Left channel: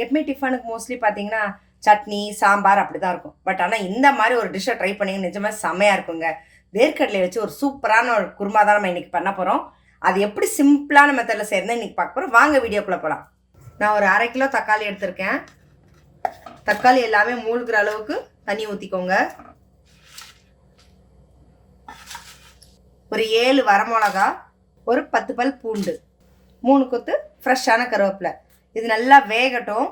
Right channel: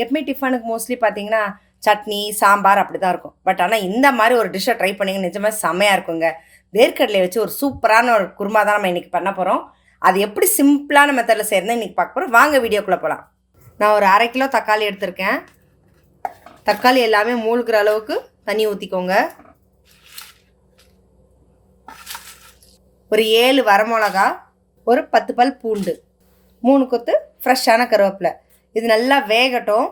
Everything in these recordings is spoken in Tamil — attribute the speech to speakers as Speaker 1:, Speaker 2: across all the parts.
Speaker 1: எப்பவுமே டிஃபனுக்கு மோஸ்ட்லி பார்த்தீங்கன்னா சட்னி சாம்பார் அப்படி தான் இருக்கும். பட் ஆனால் இந்த மாதிரி ஒரு டிஷ்ஷை ட்ரை பண்ணிங்க நிஜமாக செம்மையாக இருக்குங்க. வேர்க்கடலை வச்சு ஒரு சூப்பரான ஒரு குருமா தான் நம்ம இன்றைக்கி பண்ண போகிறோம் அது எப்படி சிம்பிளான மெத்தடில் செய்யறது இன்றைக்கி பார்க்க போகிறோம் வாங்க வீடியோக்குள்ளே போகலாம் நான் ஒரு அரை கிலோ தக்காளி எடுத்திருக்கேன். தக்காளி எல்லாமே மூழ்கிற அளவுக்கு தண்ணி ஊற்றிக்கோங்க ஒரு ஏழு வரமிளகா ஒரு பத்து பல் பூண்டு மூணு கொத்து ஃப்ரெஷ்ஷான கருவேப்பிலை. இது நல்லா வேகட்டும்.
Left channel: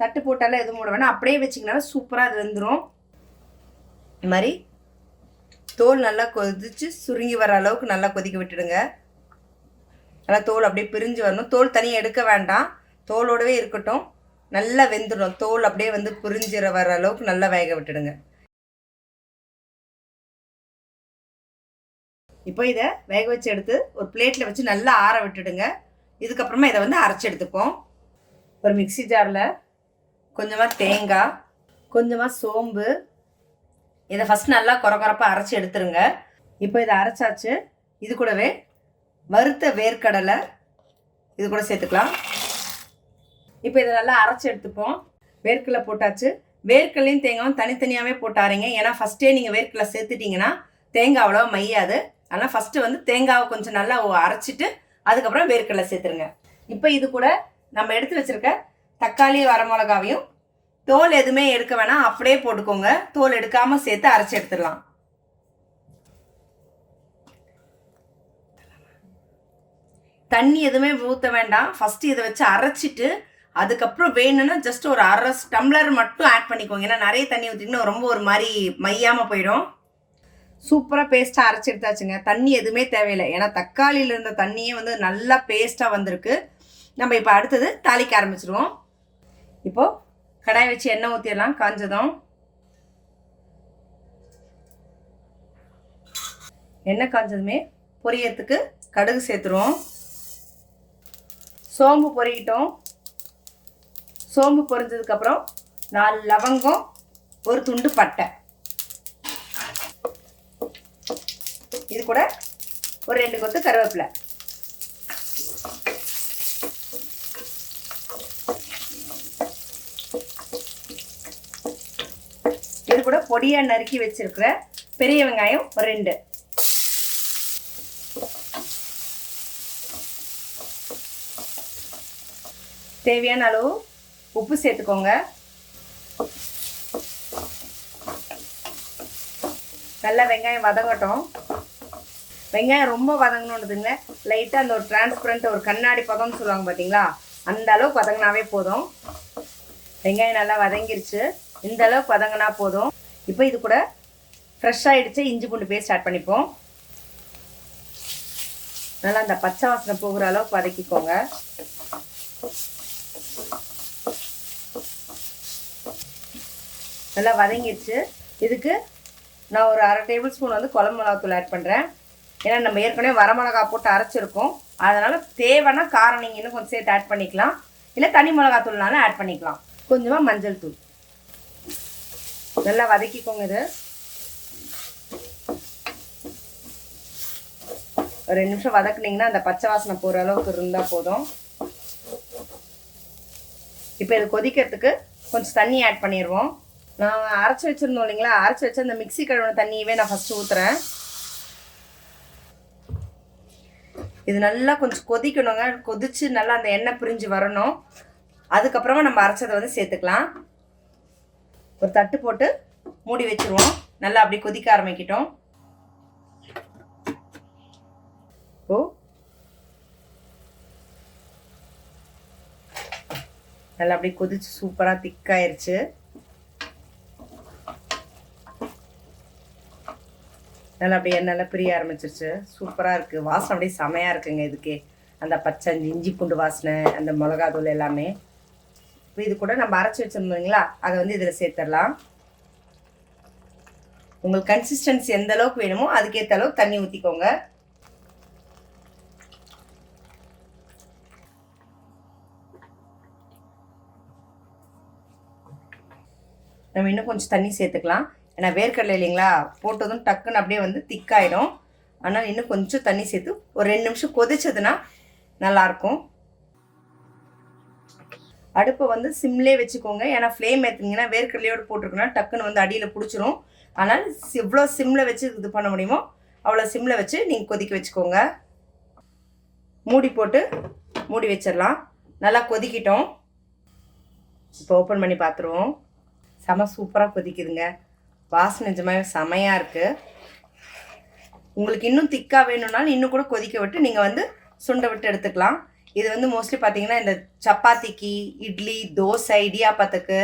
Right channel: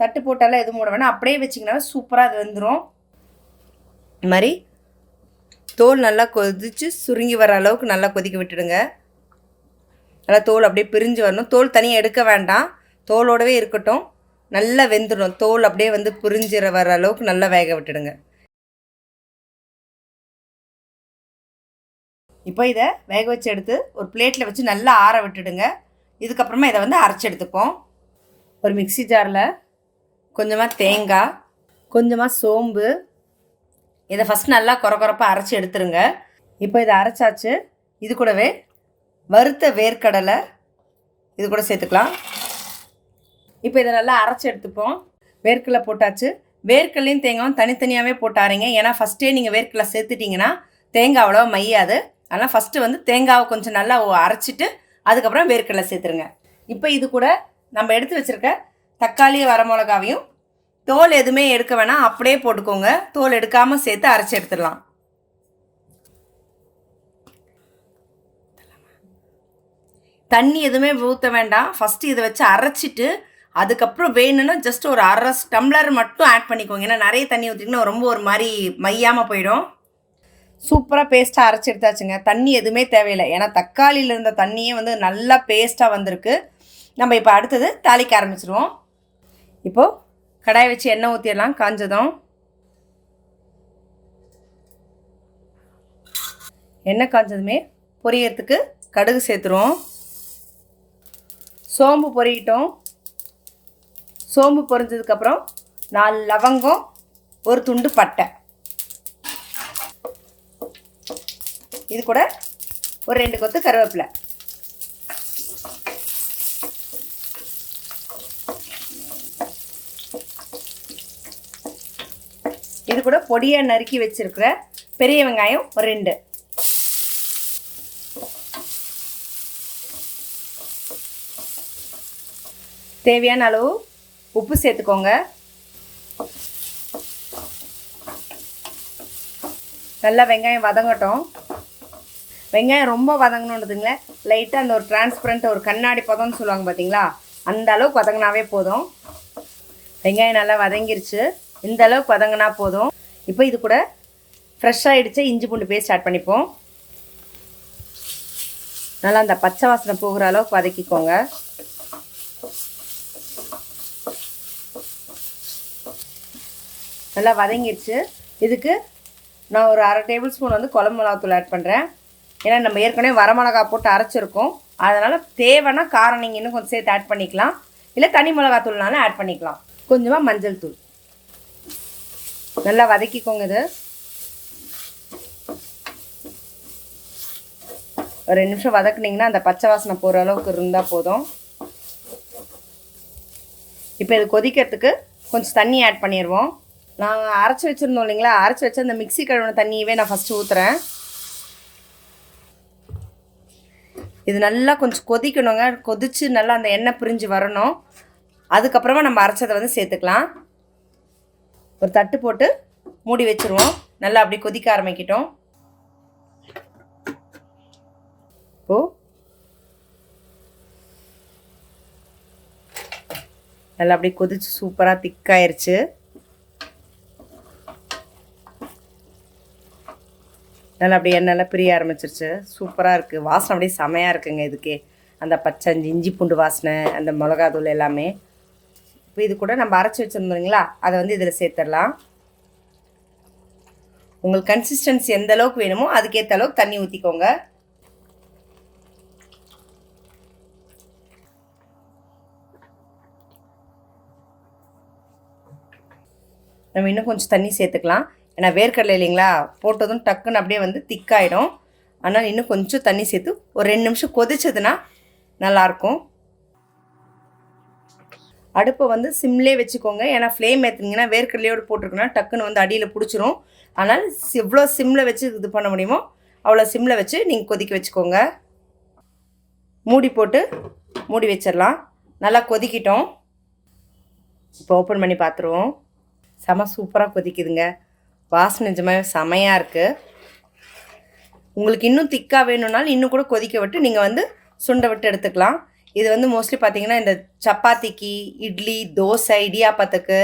Speaker 1: தட்டு போட்டாலும் எதுவும் போட வேணாம். அப்படியே வச்சிங்கனாலும் சூப்பராக அது வந்துடும் இது மாதிரி தோல் நல்லா கொதித்து சுருங்கி வர அளவுக்கு நல்லா கொதிக்க விட்டுடுங்க. நல்லா தோல் அப்படியே பிரிஞ்சு வரணும். தோல் தனியாக எடுக்க வேண்டாம். தோலோடவே இருக்கட்டும். நல்லா வெந்துடும் தோல் அப்படியே வந்து பிரிஞ்சிற வர அளவுக்கு நல்லா வேக விட்டுடுங்க. இப்போ இதை வேக வச்சு எடுத்து ஒரு பிளேட்டில் வச்சு நல்லா ஆற விட்டுடுங்க. இதுக்கப்புறமா இதை வந்து அரைச்சி எடுத்துப்போம். ஒரு மிக்ஸி ஜாரில் கொஞ்சமாக தேங்காய் கொஞ்சமாக சோம்பு. இதை ஃபஸ்ட் நல்லா குறக்குறப்பாக அரைச்சி எடுத்துருங்க. இப்போ இதை அரைச்சாச்சு. இது கூடவே வறுத்த வேர்க்கடலை இது கூட சேர்த்துக்கலாம். இப்போ இதை நல்லா அரைச்சி எடுத்துப்போம். வேர்க்கடலை போட்டாச்சு. வேர்க்கடலையும் தேங்காயும் தனித்தனியாகவே போட்டாருங்க ஏன்னா ஃபஸ்ட்டே நீங்கள் வேர்க்கடலை சேர்த்துட்டிங்கன்னா தேங்காய் அவ்வளோவா மையாது. ஆனால் ஃபஸ்ட்டு வந்து தேங்காவை கொஞ்சம் நல்லா அரைச்சிட்டு அதுக்கப்புறம் வேர்க்கடலை சேர்த்துருங்க. இப்போ இது கூட நம்ம எடுத்து வச்சுருக்க தக்காளி வரமிளகாவையும் தோல் எதுவுமே எடுக்க வேணாம். அப்படியே போட்டுக்கோங்க. தோல் எடுக்காமல் சேர்த்து அரைச்சி எடுத்துடலாம். தண்ணி எதுவுமே ஊற்ற வேண்டாம். ஃபஸ்ட்டு இதை வச்சு அரைச்சிட்டு அதுக்கப்புறம் வேணும்னா ஜஸ்ட் ஒரு அரை டம்ளர் மட்டும் ஆட் பண்ணிக்கோங்க. ஏன்னா நிறைய தண்ணி ஊற்றிங்கன்னா ரொம்ப ஒரு மாதிரி மையாமல் போயிடும். சூப்பராக பேஸ்ட்டாக அரைச்சி எடுத்தாச்சுங்க. தண்ணி எதுவுமே தேவையில்லை. ஏன்னா தக்காளியில் இருந்த தண்ணியே வந்து நல்லா பேஸ்ட்டாக வந்திருக்கு. நம்ம இப்போ அடுத்தது தாளிக்க ஆரம்பிச்சிருவோம். இப்போது கடாய் வச்சு எண்ணெய் ஊற்றிடலாம் காஞ்சதும். எண்ணெய் காஞ்சதுமே பொரியறதுக்கு கடுகு சேர்த்துருவோம். சோம்பு பொரியட்டும். சோம்பு பொரிஞ்சதுக்கப்புறம் நாலு லவங்கம் ஒரு துண்டு பட்டை. இது கூட ஒரு ரெண்டு கொத்து கருவேப்பிலை. கூட பொடியாக நறுக்கி வச்சிருக்கிற பெரிய வெங்காயம் ஒரு ரெண்டு. தேவையான அளவு உப்பு சேர்த்துக்கோங்க. நல்லா வெங்காயம் வதங்கட்டும். வெங்காயம் ரொம்ப வதங்கணுன்றதுங்கள லைட்டாக அந்த ஒரு டிரான்ஸ்பரண்ட் ஒரு கண்ணாடி பதம்னு சொல்லுவாங்க பார்த்தீங்களா அந்த அளவுக்கு வதங்கினாவே போதும். வெங்காயம் நல்லா வதங்கிருச்சு. இந்த அளவுக்கு வதங்கினா போதும். இப்போ இது கூட ஃப்ரெஷ்ஷாக இடித்த இஞ்சி பூண்டு பேஸ்ட் ஆட் பண்ணிப்போம். நல்லா அந்த பச்சை வாசனை போகிற அளவுக்கு வதக்கிக்கோங்க. நல்லா வதங்கிடுச்சு. இதுக்கு நான் ஒரு அரை டேபிள் ஸ்பூன் வந்து குழம்பு மிளகாத்தூள் ஆட் பண்ணுறேன் ஏன்னா நம்ம ஏற்கனவே வரமிளகா போட்டு அரைச்சிருக்கோம். அதனால் தேவைன்னா காரம் நீங்கள் இன்னும் கொஞ்சம் சேர்த்து ஆட் பண்ணிக்கலாம். இல்லை தனி மிளகாத்தூள்னாலும் ஆட் பண்ணிக்கலாம். கொஞ்சமாக மஞ்சள் தூள். நல்லா வதக்கிக்கோங்க இது. ஒரு ரெண்டு நிமிஷம் வதக்குனீங்கன்னா அந்த பச்சை வாசனை போகிற அளவுக்கு இருந்தால் போதும். இப்போ இது கொதிக்கிறதுக்கு கொஞ்சம் தண்ணி ஆட் பண்ணிடுவோம் நாங்கள் அரைச்சி வச்சுருந்தோம் இல்லைங்களா? அரைச்சி வச்ச அந்த மிக்ஸி கழுவின தண்ணியவே நான் ஃபஸ்ட்டு ஊற்றுறேன் இது நல்லா கொஞ்சம் கொதிக்கணுங்க. கொதித்து நல்லா அந்த எண்ணெய் பிரிஞ்சு வரணும். அதுக்கப்புறமா நம்ம அரைச்சதை வந்து சேர்த்துக்கலாம். ஒரு தட்டு போட்டு மூடி வச்சுருவோம். நல்லா அப்படி கொதிக்க ஆரம்பிக்கிட்டோம். ஓ நல்லா அப்படி கொதிச்சு சூப்பராக திக்காயிருச்சு நல்லா அப்படியே எண்ணெய்லாம் பிரிய ஆரம்பிச்சிருச்சு. சூப்பராக இருக்குது வாசனை அப்படியே செமையாக இருக்குங்க இதுக்கே. அந்த பச்சை இஞ்சி பூண்டு வாசனை அந்த மிளகா தூள் எல்லாமே. இப்போ இது கூட நம்ம அரைச்சி வச்சுருந்தோங்களா இல்லைங்களா? அதை வந்து இதில் சேர்த்துடலாம் உங்களுக்கு கன்சிஸ்டன்சி எந்த அளவுக்கு வேணுமோ அதுக்கேற்ற அளவுக்கு தண்ணி ஊற்றிக்கோங்க நம்ம இன்னும் கொஞ்சம் தண்ணி சேர்த்துக்கலாம். ஏன்னா வேர்க்கடலை இல்லைங்களா? போட்டதும் டக்குன்னு அப்படியே வந்து திக்காயிடும். ஆனால் இன்னும் கொஞ்சம் தண்ணி சேர்த்து ஒரு ரெண்டு நிமிஷம் கொதிச்சதுன்னா நல்லாயிருக்கும். அடுப்பை வந்து சிம்லேயே வச்சுக்கோங்க. ஏன்னா ஃப்ளேம் ஏற்றுனீங்கன்னா வேர்க்கடலையோடு போட்டிருக்கோன்னா டக்குன்னு வந்து அடியில் பிடிச்சிரும். ஆனால் எவ்வளோ சிம்மில் வச்சு இது பண்ண முடியுமோ அவ்வளோ சிம்மில் வச்சு நீங்கள் கொதிக்க வச்சுக்கோங்க. மூடி போட்டு மூடி வச்சிடலாம். நல்லா கொதிக்கிட்டோம். இப்போ ஓப்பன் பண்ணி பார்த்துருவோம் செம சூப்பராக கொதிக்குதுங்க. வாசனை நிஜமாக செமையாக இருக்குது உங்களுக்கு இன்னும் திக்காக வேணும்னாலும் இன்னும் கூட கொதிக்க விட்டு நீங்கள் வந்து சுண்டை விட்டு எடுத்துக்கலாம். இது வந்து மோஸ்ட்லி பார்த்தீங்கன்னா இந்த சப்பாத்திக்கு இட்லி தோசை இடியாப்பத்துக்கு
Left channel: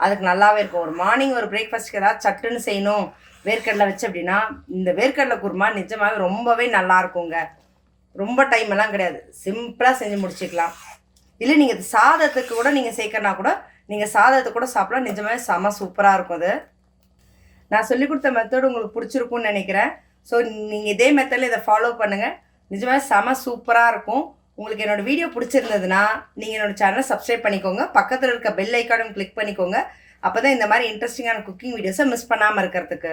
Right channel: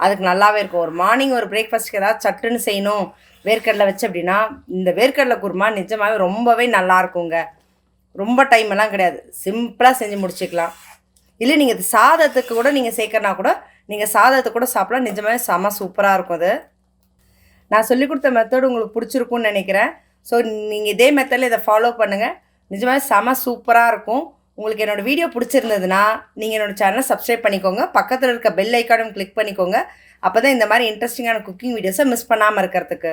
Speaker 1: அதுக்கு நல்லாவே இருக்கும். ஒரு மார்னிங் ஒரு பிரேக்ஃபாஸ்ட்க்கு ஏதாவது சட்டுன்னு செய்யணும் வேர்க்கடலை வச்சு அப்படின்னா இந்த வேர்க்கடலை குருமா நிஜமாகவே ரொம்பவே நல்லா இருக்குங்க. ரொம்ப டைம் எல்லாம் கிடையாது. சிம்பிளாக செஞ்சு முடிச்சுக்கலாம். இல்லை நீங்கள் சாதத்துக்கு கூட நீங்கள் சேர்க்கறனா கூட நீங்கள் சாதத்தை கூட சாப்பிடலாம். நிஜமாவே செம சூப்பராக இருக்கும் அது. நான் சொல்லிக் கொடுத்த மெத்தட் உங்களுக்கு பிடிச்சிருக்கும்னு நினைக்கிறேன். ஸோ நீங்கள் இதே மெத்தடில் இதை ஃபாலோ பண்ணுங்கள் நிஜமாவே செம சூப்பராக இருக்கும். உங்களுக்கு என்னோடய வீடியோ பிடிச்சிருந்ததுன்னா நீங்கள் என்னோடய சேனலை சப்ஸ்கிரைப் பண்ணிக்கோங்க. பக்கத்தில் இருக்க பெல் ஐக்கானும் கிளிக் பண்ணிக்கோங்க. அப்போ தான் இந்த மாதிரி இன்ட்ரெஸ்டிங்கான குக்கிங் வீடியோஸை மிஸ் பண்ணாமல் இருக்கிறதுக்கு.